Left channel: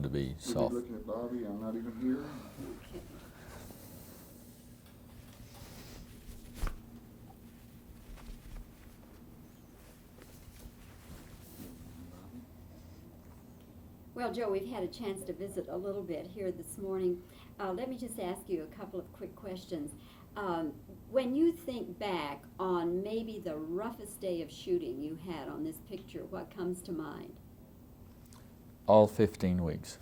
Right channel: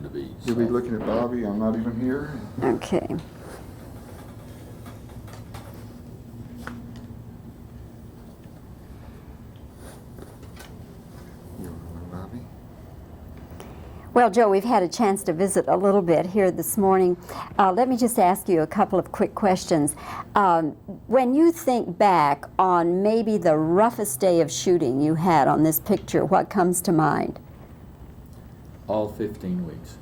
tend to be You'll soft. be looking at Bobbie. I'm not even here. Okay. Bobbie? Well, Joe, we've had a chance to visit a little bit here this morning. Let me just ask you a couple of quick questions. When you think back on maybe the roughest day of shooting you had on this picture, what comes to mind? All 15 weeks.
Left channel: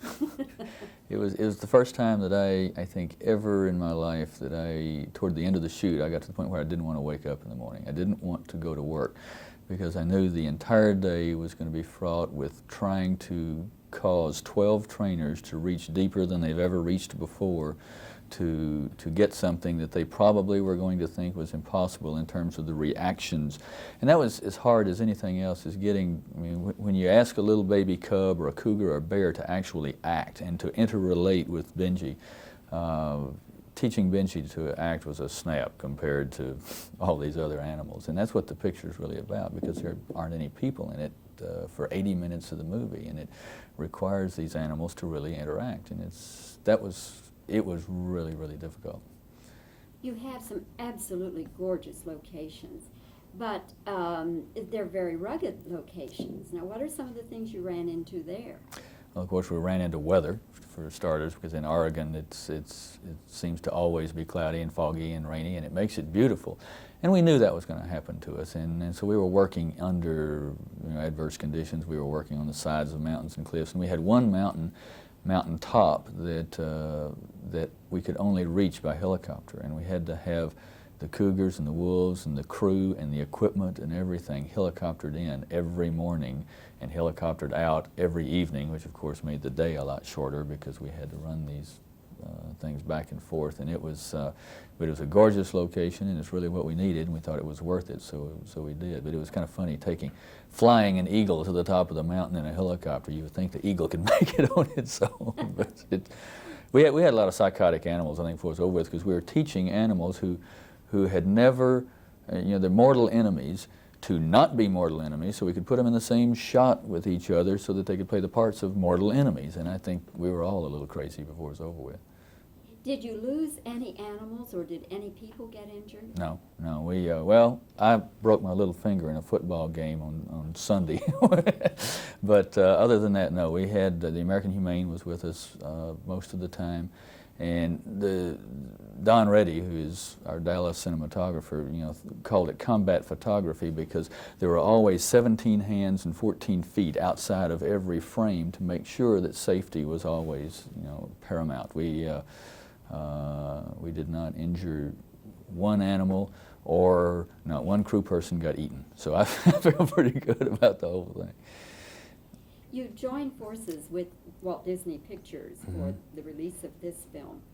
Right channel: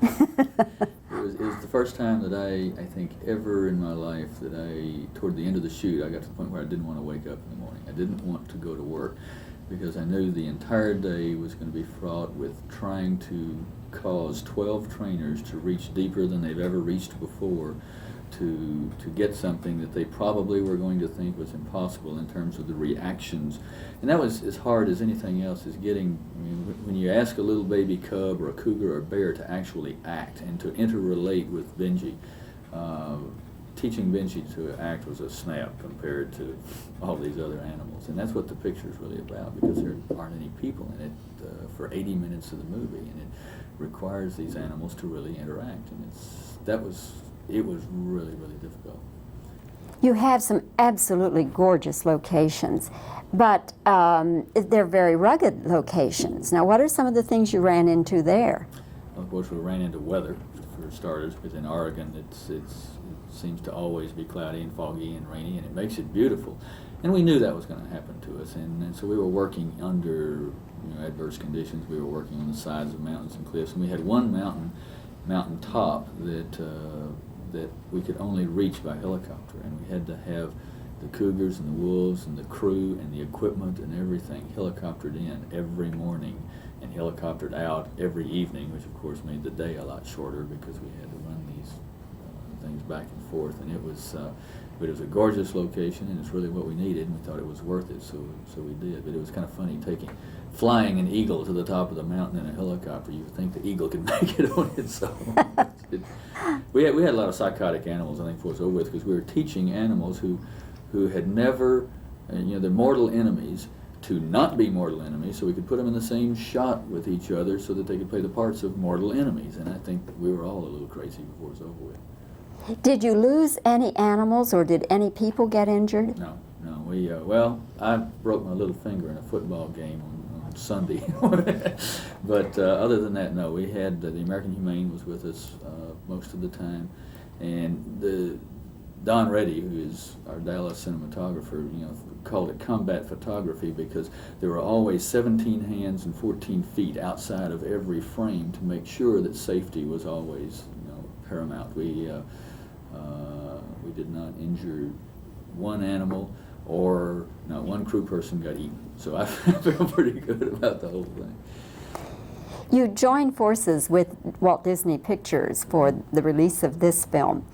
It was the first time that I think ever in my life that toward the end of the shoot, I got to the point where I didn't want to wake up in the morning. I didn't want to go to work because I knew the entire day was going to be fraught with trying to cause 12 trainers to reach deeper than they've ever reached before to get something that they probably were going to think was impossible in terms of the reactions. And that was as hard as anything else, is getting, I mean, when you ask a little baby cub or a cougar or a bear to actually act and to interrelate with Benji, teaching Benji to act was a snap compared to all these other animals. And that's what the picture is really about, because there aren't any people in it for 80 minutes of the movie, and it requires these animals to really interact. And it was really, really difficult. You have some absolutely gorgeous locations, but they're very rugged locations. Now, what are some of the things you ran into there? Well, of course, we ran into weather, for starters, because in Oregon it seems to always be cloudy and foggy and rainy, and it makes it beautiful. And we knew that was going to happen to us, and so we were working under adverse conditions. We were working on the sides of mountains and cliffs, and we had one mountain top that we could only reach by helicopter, and we had to have the cougars and the wolves and the crew and the equipment and everything helicoptered in every morning and helicoptered out every evening, which of course made the day a lot shorter because we had to run these things back and forth. And it was a gorgeous location, and it's really what we needed, and we thought it was worth it, so we did. But it was kind of funny flying an eagle to the top of the mountain in a helicopter. You would think the eagle could make it on its own. We had a lot of psychotic animals, I think, before it was over with, because we were teaching animals who had never, they're mortal enemies, to not be mortal enemies, so we could put them in the same shot with each other so that they could play the parts of mortal enemies. And I think we were all a little crazy before it was over with. Did you lose any animals, or did any people get injured? No. I broke my little finger in a football game on Sunday. But other than that, no. We had, the American Humane was with us most of the time, and Don Reddy, who is our Dallas cinematographer, called it combat photography, because there were always 17 hands and 14 feet outside of every frame to make sure that safety was always, paramount. We did not injure one animal, or not one crew person got eaten. So I feel pretty good about the whole thing. You joined forces with Walt Disney Pictures for the release of this film.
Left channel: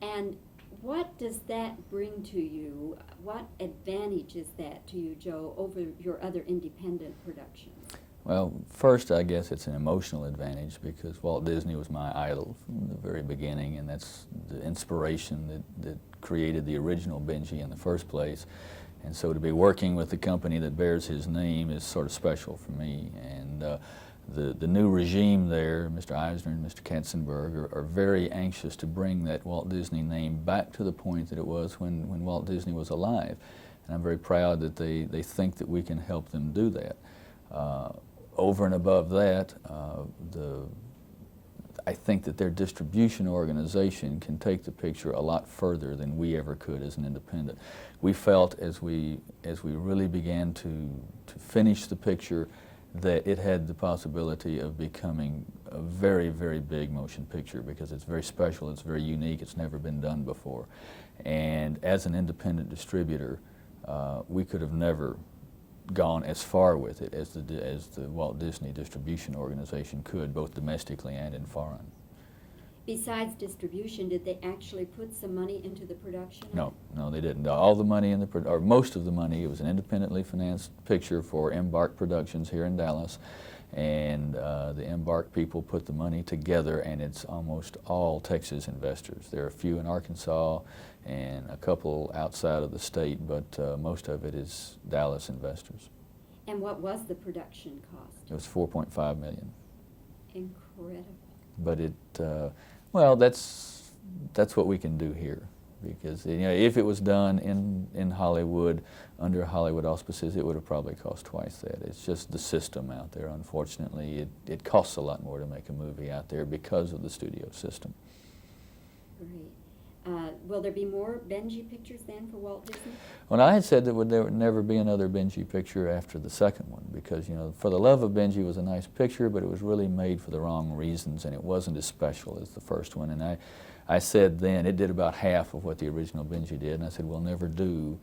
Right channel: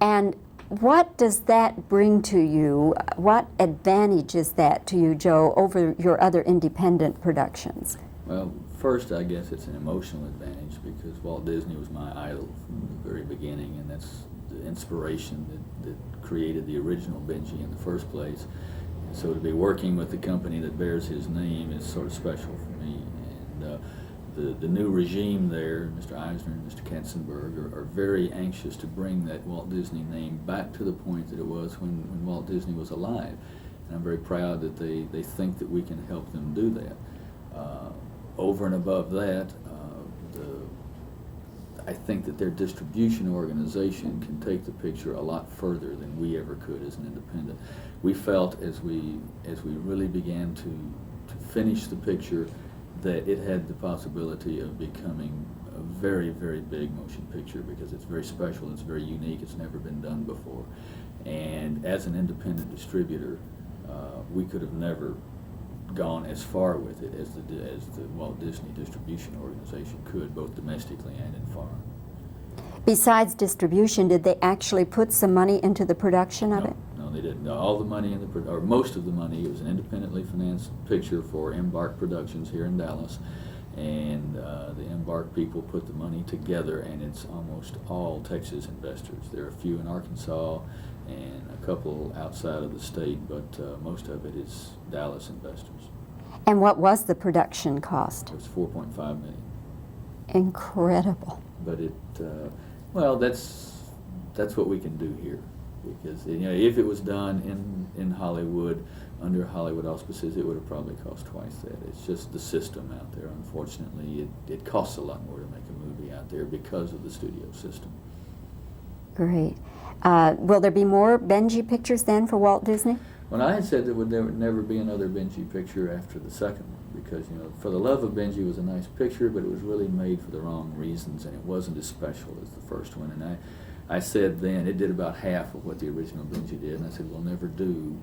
And what does that bring to you? What advantage is that to you, Joe, over your other independent productions? Well, first, I guess it's an emotional advantage, because Walt Disney was my idol from the very beginning, and that's the inspiration that created the original Benji in the first place. And so to be working with the company that bears his name is sort of special for me. And the new regime there, Mr. Eisner and Mr. Katzenberg, are very anxious to bring that Walt Disney name back to the point that it was when Walt Disney was alive. And I'm very proud that they think that we can help them do that. Over and above that, I think that their distribution organization can take the picture a lot further than we ever could as an independent. We felt as we really began to finish the picture that it had the possibility of becoming a very, very big motion picture, because it's very special, it's very unique, it's never been done before. And as an independent distributor, we could have never gone as far with it as the Walt Disney Distribution Organization could, both domestically and in foreign. Besides distribution, did they actually put some money into the production of it? No, they didn't. All the money or most of the money, it was an independently financed picture for Embark Productions here in Dallas, and the Embark people put the money together, and it's almost all Texas investors. There are a few in Arkansas and a couple outside of the state, but most of it is Dallas investors. And what was the production cost? It was $4.5 million. Incredible. but well, that's what we can do here, because if it was done in Hollywood under Hollywood auspices, it would have probably cost twice that. It's just the system out there. Unfortunately, it costs a lot more to make a movie out there because of the studio system. Great. Will there be more Benji pictures then for Walt Disney? Well, I had said there would never be another Benji picture after the second one, because For the Love of Benji was a nice picture, but it was really made for the wrong reasons, and it wasn't as special as the first one. And I said then it did about half of what the original Benji did, and I said we'll never do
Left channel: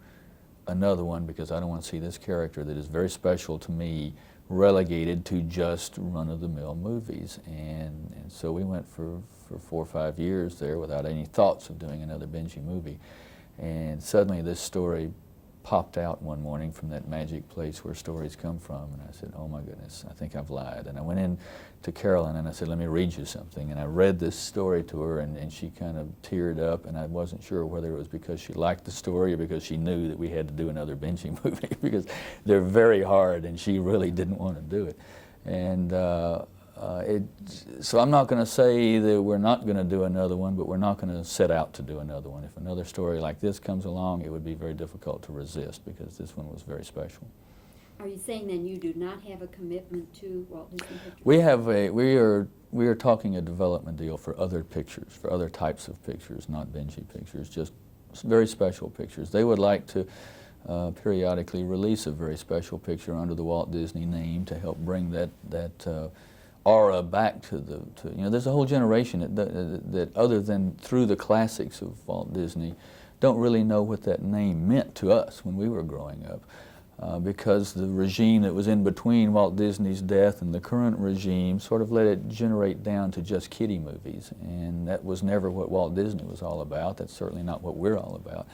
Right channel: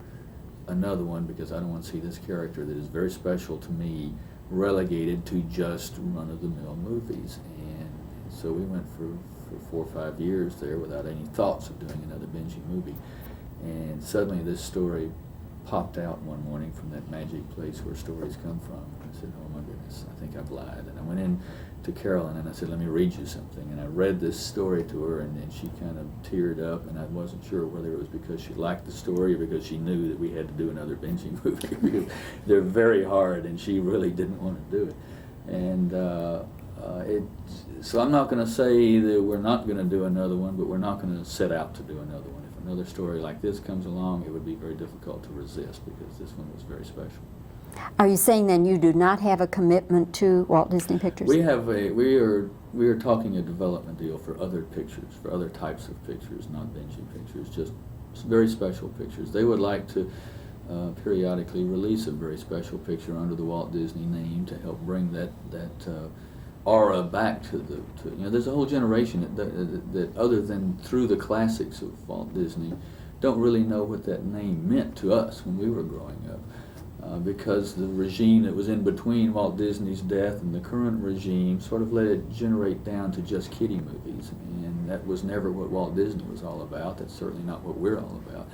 another one because I don't want to see this character that is very special to me relegated to just run-of-the-mill movies. And so we went for 4 or 5 years there without any thoughts of doing another Benji movie. And suddenly this story popped out one morning from that magic place where stories come from, and I said, oh my goodness, I think I've lied. And I went in to Carolyn and I said, let me read you something. And I read this story to her, and she kind of teared up, and I wasn't sure whether it was because she liked the story or because she knew that we had to do another Benji movie because they're very hard and she really didn't want to do it. And so I'm not going to say that we're not going to do another one, but we're not going to set out to do another one. If another story like this comes along, it would be very difficult to resist because this one was very special. Are you saying then you do not have a commitment to Walt Disney Pictures? We are talking a development deal for other pictures, for other types of pictures, not Benji pictures, just very special pictures. They would like to periodically release a very special picture under the Walt Disney name to help bring that aura back to there's a whole generation that other than through the classics of Walt Disney don't really know what that name meant to us when we were growing up, because the regime that was in between Walt Disney's death and the current regime sort of let it generate down to just kiddie movies, and that was never what Walt Disney was all about. That's certainly not what we're all about.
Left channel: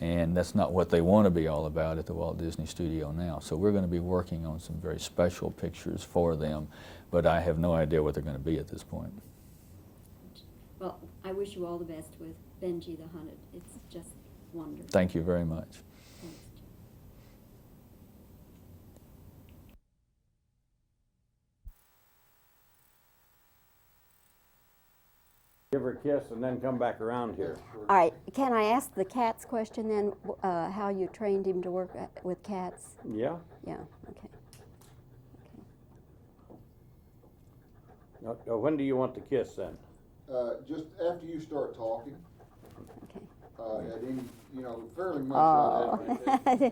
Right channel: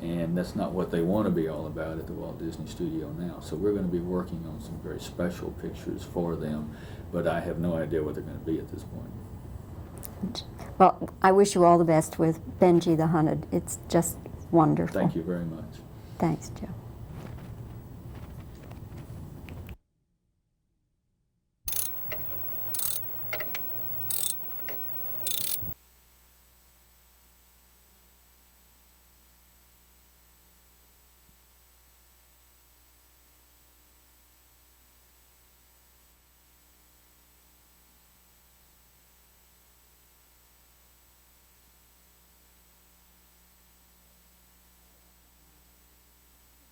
And that's not what they want to be all about at the Walt Disney Studio now. So we're going to be working on some very special pictures for them, but I have no idea what they're going to be at this point. Well, I wish you all the best with Benji the Hunted. It's just wonderful. Thank you very much. Thanks, Joe. Give her a kiss and then come back around here. All right, can I ask the cats question then, how you trained him to work with cats? Yeah? Yeah, okay. When do you want the kiss then? Just after you start talking, at any, fairly much. Oh. You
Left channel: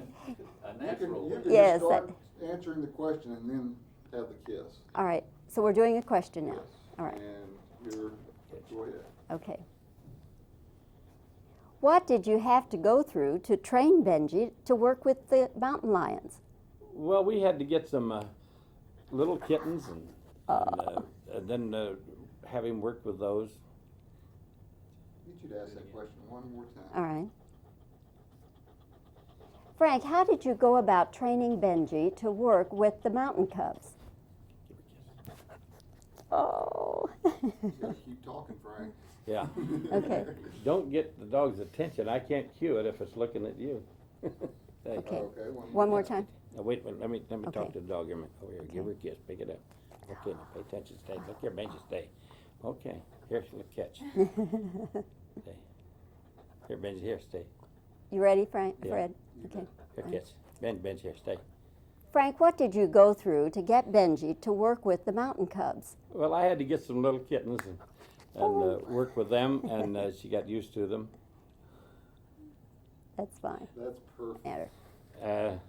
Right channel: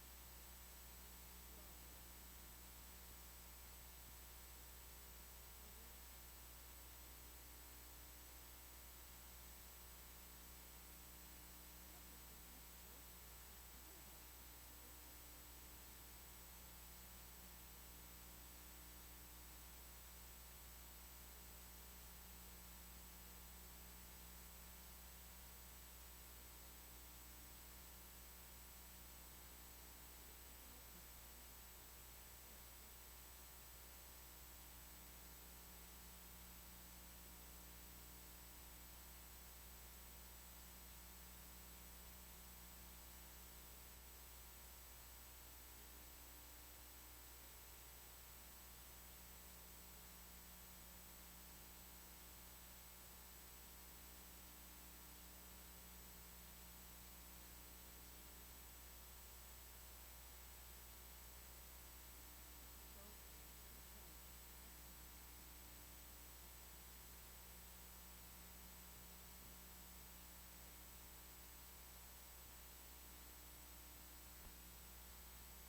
can Yes, just start answering the question and then have the kiss. All right, so we're doing a question now. Yes. All right, And go ahead. okay. What did you have to go through to train Benji to work with the mountain lions? Well, we had to get some little kittens and then have him work with those. You should ask that question one more time. All right. Frank, how did you go about training Benji to work with the mountain cubs? Oh. Just keep talking, Frank. Yeah. Okay. Don't get the dog's attention. I can't cue it if it's looking at you. Hey. Okay. Okay. One more time. Now, wait a minute. Let me Okay. talk to the dog here a minute. Over here. Give her a kiss. Pick it up. Okay. Now pay attention. Stay. Look here, Benji. Stay. Okay. Here, catch. Stay. Here, Benji. Here, stay. You ready, Frank? Yeah. Fred? Okay. Here, kiss. Benji, here, stay. Frank, what did you go through to get Benji to work with the mountain cubs? Well, I had to get some little kittens and work with them, and she got used to them. That's fine. That's perfect. Matter.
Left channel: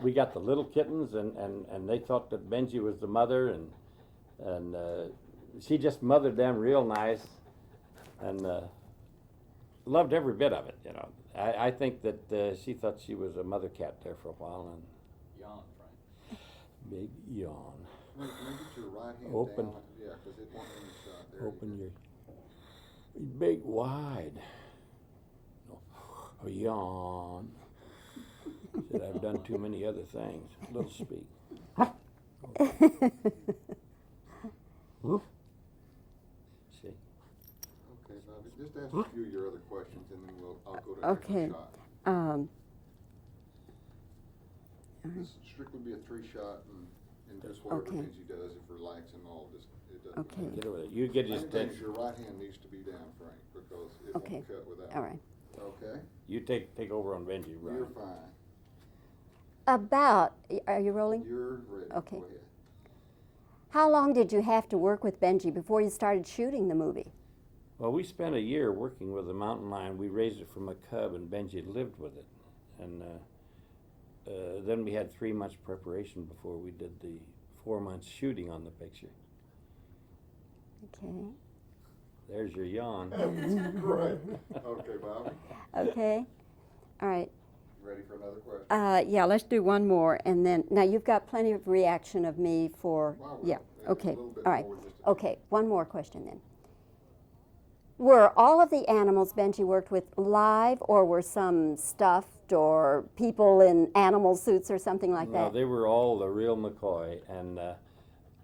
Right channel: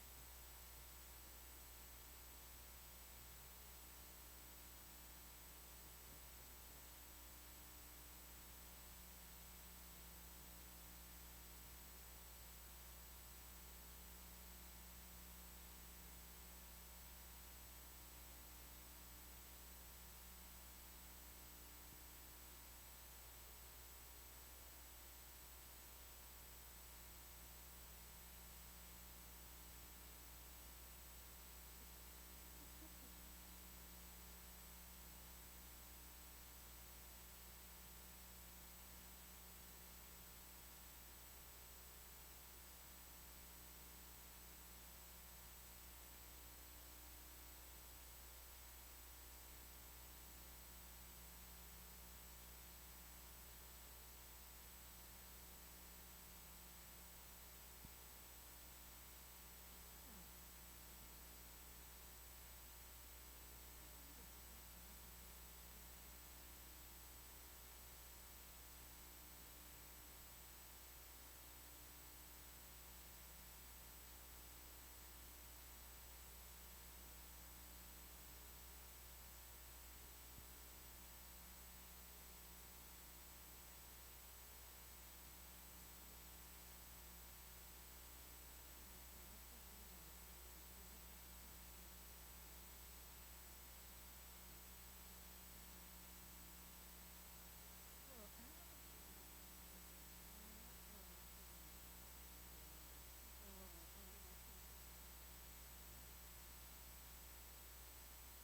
We got the little kittens, and they thought that Benji was the mother, and she just mothered them real nice, and loved every bit of it. I think that she thought she was a mother cat there for a while, and big yawn. Make your right hand Open. down. Yeah, 'cause it won't let me stop there. Open your big wide. Oh, yawn. But I've done too many other things. Little speak. Woof. See. Okay, so just ask a few of your other questions and then I'll go to the next Okay. shot. This strictly be a 3-shot and just whatever Okay. Benji does, if relax and all, just, it doesn't Okay, Get over there. You get his Main thing attention. is your right hand needs to be down, Frank, because it won't Okay. cut without. all right. Okay, You take over on Benji, you're Brian. fine. Are you rolling? You're ready. Okay. Go ahead. How long did you have to work with Benji before you started shooting the movie? Well, we spent a year working with the mountain lion. We raised it from a cub, and Benji lived with it. And then we had 3 months preparation before we did the 4 months shooting on the picture. Okay. There's your yawn. Great. Okay, Bobbie, Okay. All right. ready for another question? Yeah, let's do one more, and then, now you've got plenty of reaction of me for, Wow, yeah, a okay, little bit all right. more just to- Okay, one more question then. Were all of the animals Benji worked with live, or were some stuffed, or people in animal suits or something like No, that? they were all the real McCoy, and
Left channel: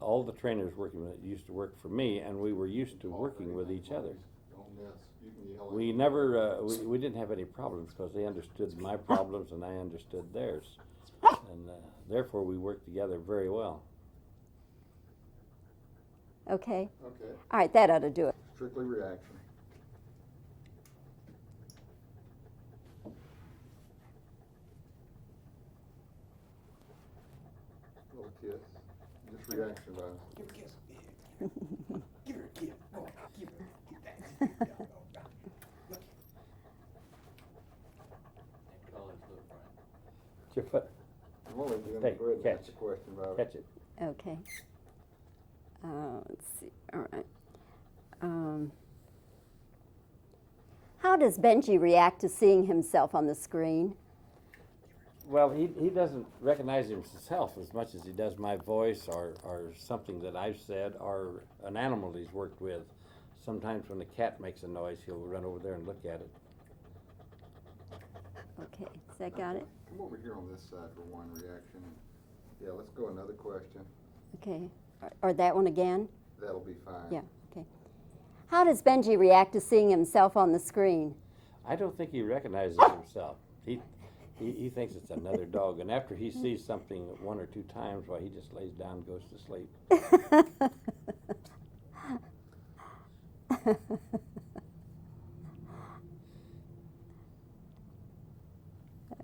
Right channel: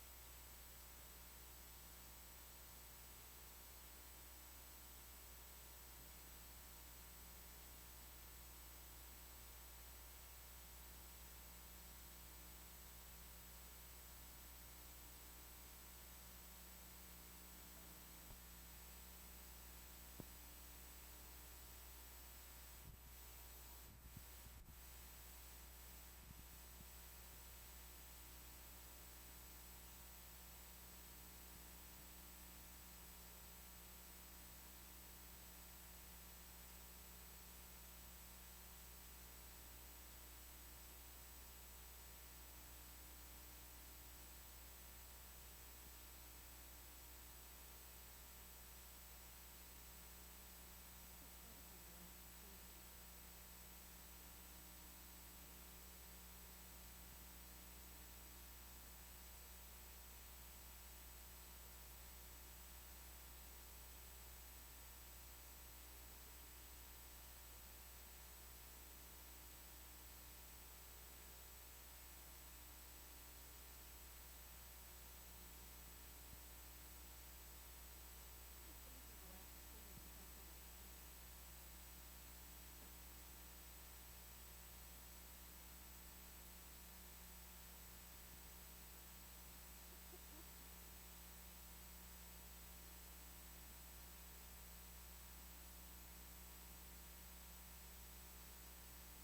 all the trainers working with it used to work for me, and we were used to working with each other. Don't miss. You can yell at We me. never, we didn't have any problems because they understood my problems and I understood theirs. And therefore, we worked together very well. Okay, Okay, all right, that ought to do it. strictly reaction. Little kiss. Just reaction, though. I'm only doing Hey, it for catch. that's a question about Catch it. Okay. Let's see, all right. How does Benji react to seeing himself on the screen? Well, he doesn't recognize himself as much as he does my voice or something that I've said or an animal he's worked with. Sometimes when the cat makes a noise, he'll run over there and look at it. Okay, has that got it? Come over here on this side for one reaction. Yeah, let's go another question. Okay, or that one again? That'll be fine. Yeah, okay. How does Benji react to seeing himself on the screen? I don't think he recognizes himself. He thinks it's another dog, and after he sees something 1 or 2 times, why he just lays down and goes to sleep.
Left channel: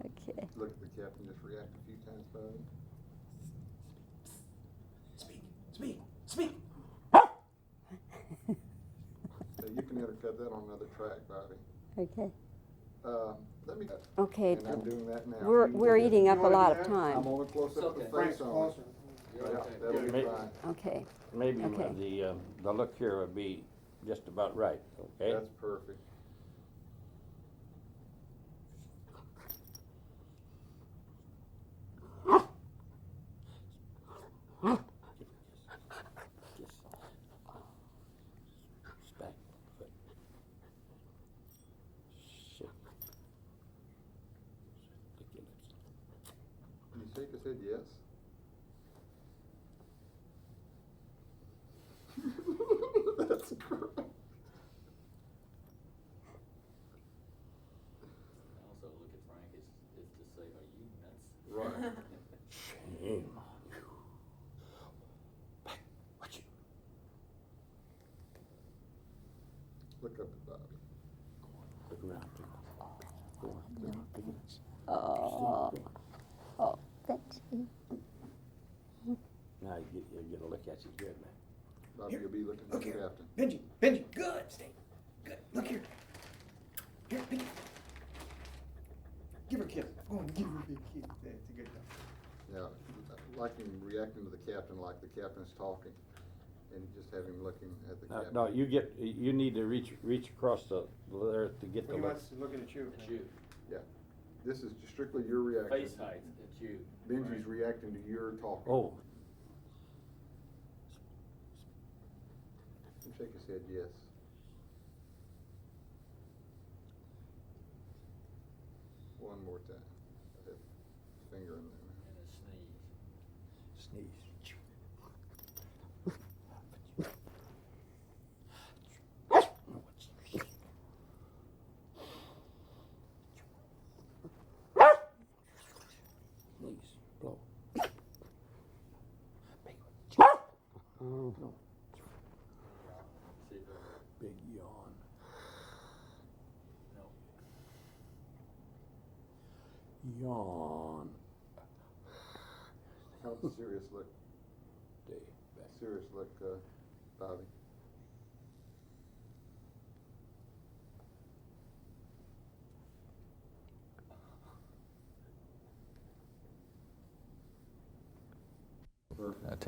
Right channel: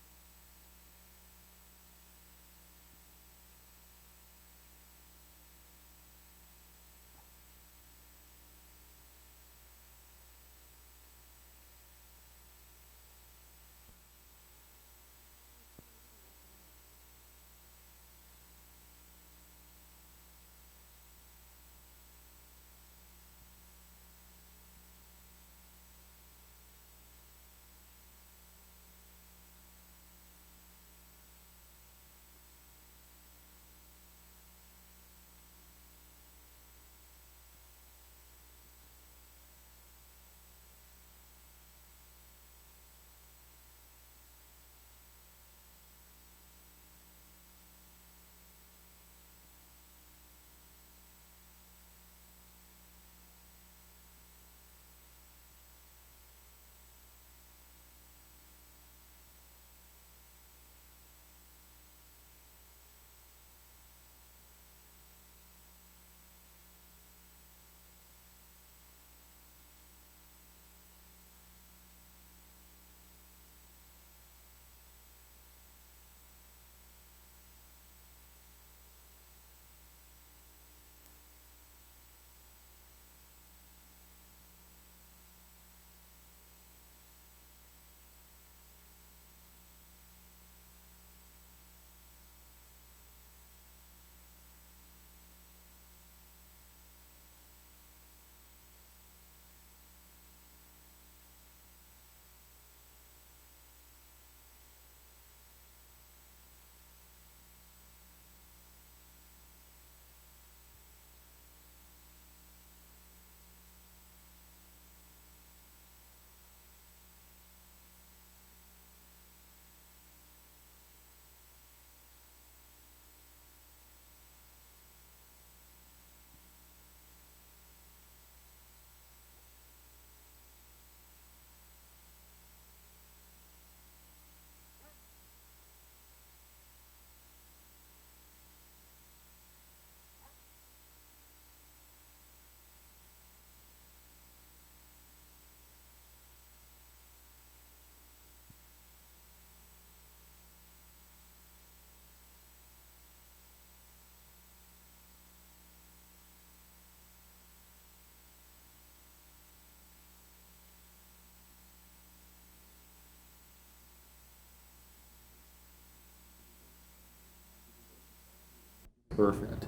Okay. Look at the captain, just react a few times, Bobby. So you can either cut that on another track, Bobby. Okay. Let me, Okay, and I'm doing that now. we're, You can we're do that. eating up a wanna do lot of that? time. I'm only close up the face on it. Yeah, that'll be May- fine. Okay, Maybe Okay. the look here would be just about right, okay? That's perfect. Stack. Shit. You shake his head yes? That's correct. Right. Shame. Look up, Bobby. oh, Benji. Now you get a look at you good. Bobby, you'll be looking at Look the here. captain. Benji, good, stay, good, look here. Here, Benji. Give her a kiss. Oh, give her a big kiss. There, good job. Yeah, like him reacting to the captain like the captain's talking, and just have him looking at the captain. No, you need to reach across there to get the He look. wants to look at you. Yeah, this is strictly your reaction. height, it's you. Benji's reacting to your talking. Oh, You shake his head yes. One more time. That finger in the. sneeze. Sneeze. Go. Yawn. How's the serious look? Serious look, Bobbie. Perfect.